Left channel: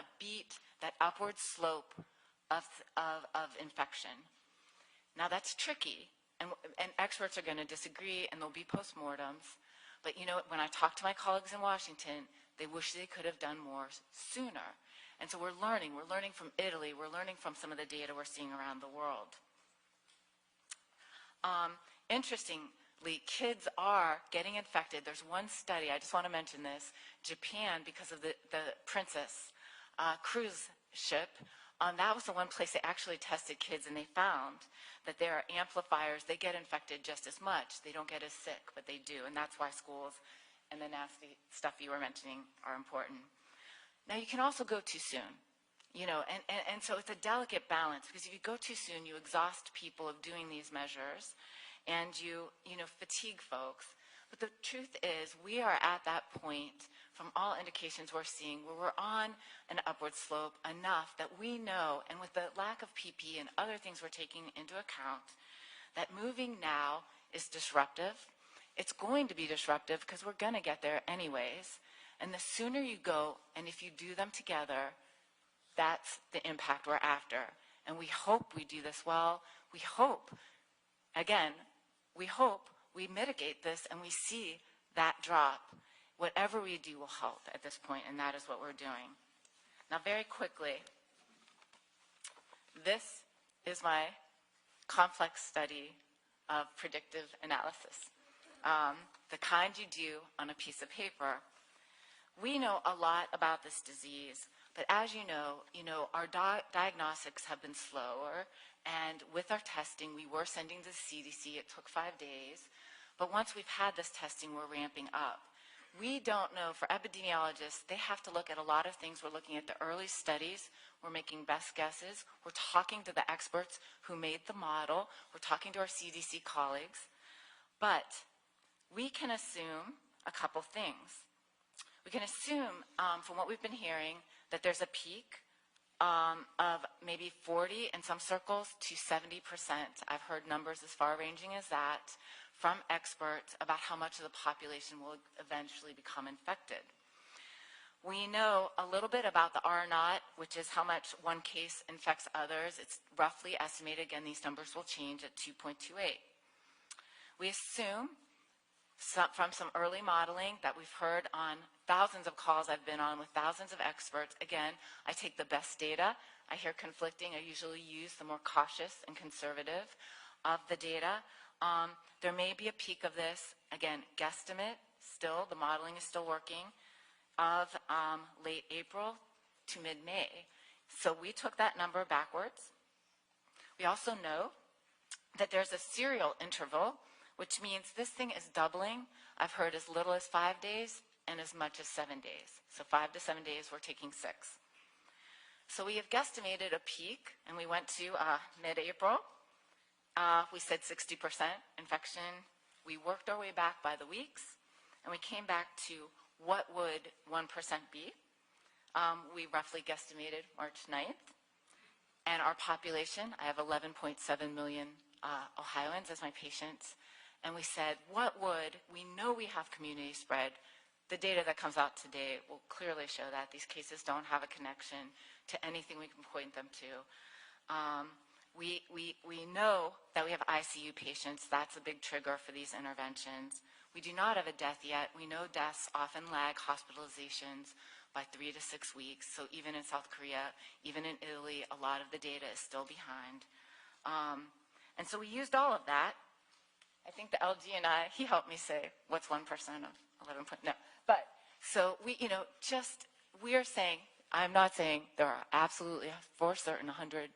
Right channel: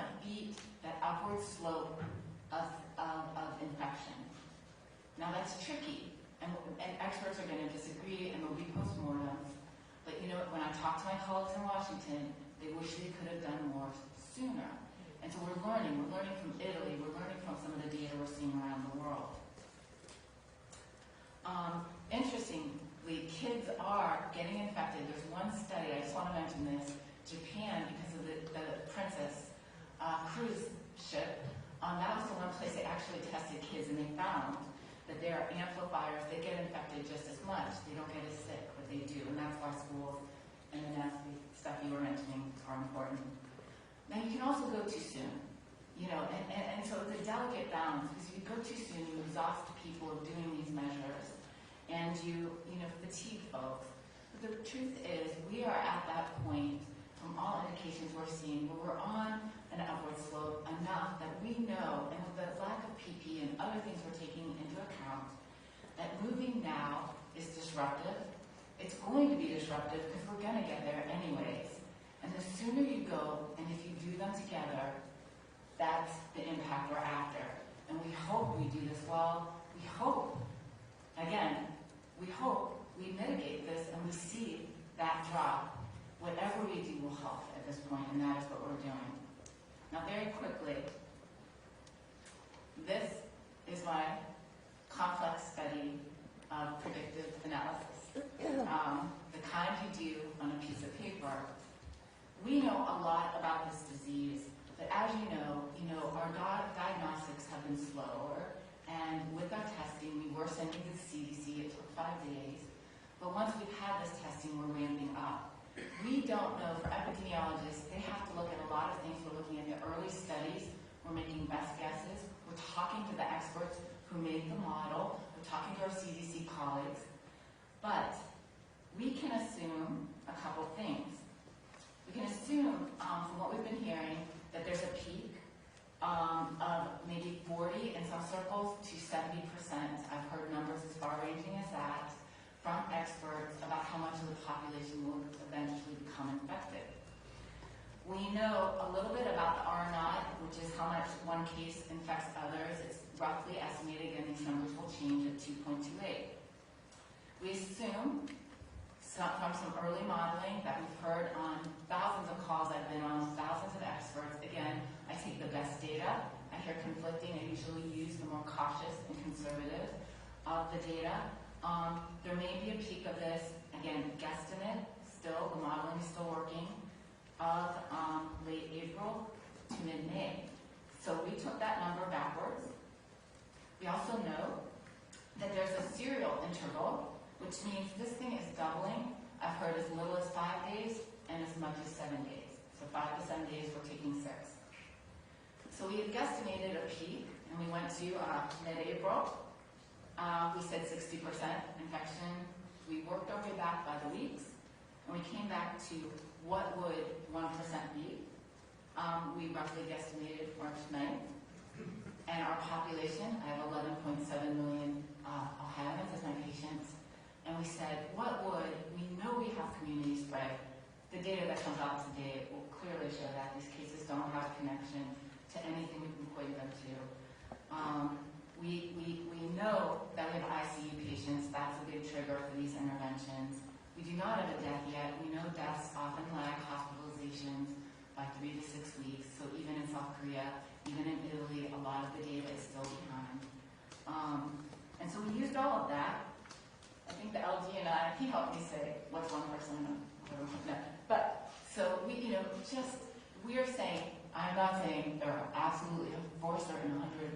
to beat that upward slope of infection. Now that's tricky, and experts are going to disagree, and there'll be postmortems. But you know, when I talk to my colleagues in Washington, they wish they could have done more sooner. And so we're learning from Italy, we're learning from some of the data we're seeing around the world. Interestingly, kids are getting infected. There's one study, I just want to mention this, Japan, because of the Princess cruise ship, that was the one place they actually tested kids, and they found that there are amplifiers. They get infected just as much. They don't get as sick, but they do, and that's why schools and the nasty stuff you were mentioning are important. Now, you can also go too soon, you know, and so it's a delicate balance, because if you go too soon, you exhaust people of doing these measures, and you fatigue folks. But the truth is, we are at that point, from all indications we're seeing, where we're on an upward slope enough that we know, and with the lack of PP and other things we're taking into account, that moving now is disruptive. It's going to be disruptive because we're going to get there anyways. And the sooner you go, and if you do them together, that's the impact we're after. And we hope we do this well. We hope, again, we hope we mitigate this and we see that drop. Whatever we do will help at this point, and that is what we're doing. Now, very quickly, this is my complex study of predictive analysis, the kind you do on a piece of paper. We know a lot about this disease, but as you know, our diagnostics have been slower, and with our testing, we were sending to the CDC. It took 5 days, but once we've had this testing, we're ramping up. We don't know, for epidemiologists, they have to look at a lot of things. We're looking at the early studies. We're making best guesses. We're talking to the experts who made the model. We're talking to our CDC colleagues. But we can assume a couple things. We can assume, from what we've been hearing, that there's a peak of maybe 40, in some circles, to 70%. I've heard numbers as far-ranging as that from experts about how much of the population will eventually become infected. We know a little bit about the R0, which is how much one case infects others. It's roughly estimated, again, these numbers will change, at 2.28. We assume, from some early modeling that we've heard on thousands of calls I've been on with thousands of experts, again, I take the best data. I hear conflicting. I usually use the more cautious and conservative of the data. There may be a peak of this, again, guesstimate, still, the modeling is still working, of late April to mid-May. So we took that number backwards. We also know that there's a serial interval, which means this thing is doubling. I've heard as little as 5 days and as much as 7 days. So 5 to 7 days, we're taking 6. So we have guesstimated a peak, and we went to mid-April. We said 60% infection. We worked our way back by the weeks, and we came back to what would 1% be. We roughly guesstimated March 9th. And our population, I have 11.7 million Ohioans as my patients, and we said, we know we have community spread. The data that comes out today will clearly show that these cases don't have a connection to anything we can point them to. We know that we have ICU patients. That's a big trigger for these interventions. We do not have a death yet. We know deaths often lag hospitalizations by 3 to 6 weeks. So even in South Korea, even in Italy, a lot of the data is still behind. And so we used all of that. I think the LG and I, he helped me say, what's 1%? 11, no. But, so we, we are saying, I'm not saying there are absolutely, for certain, 100,000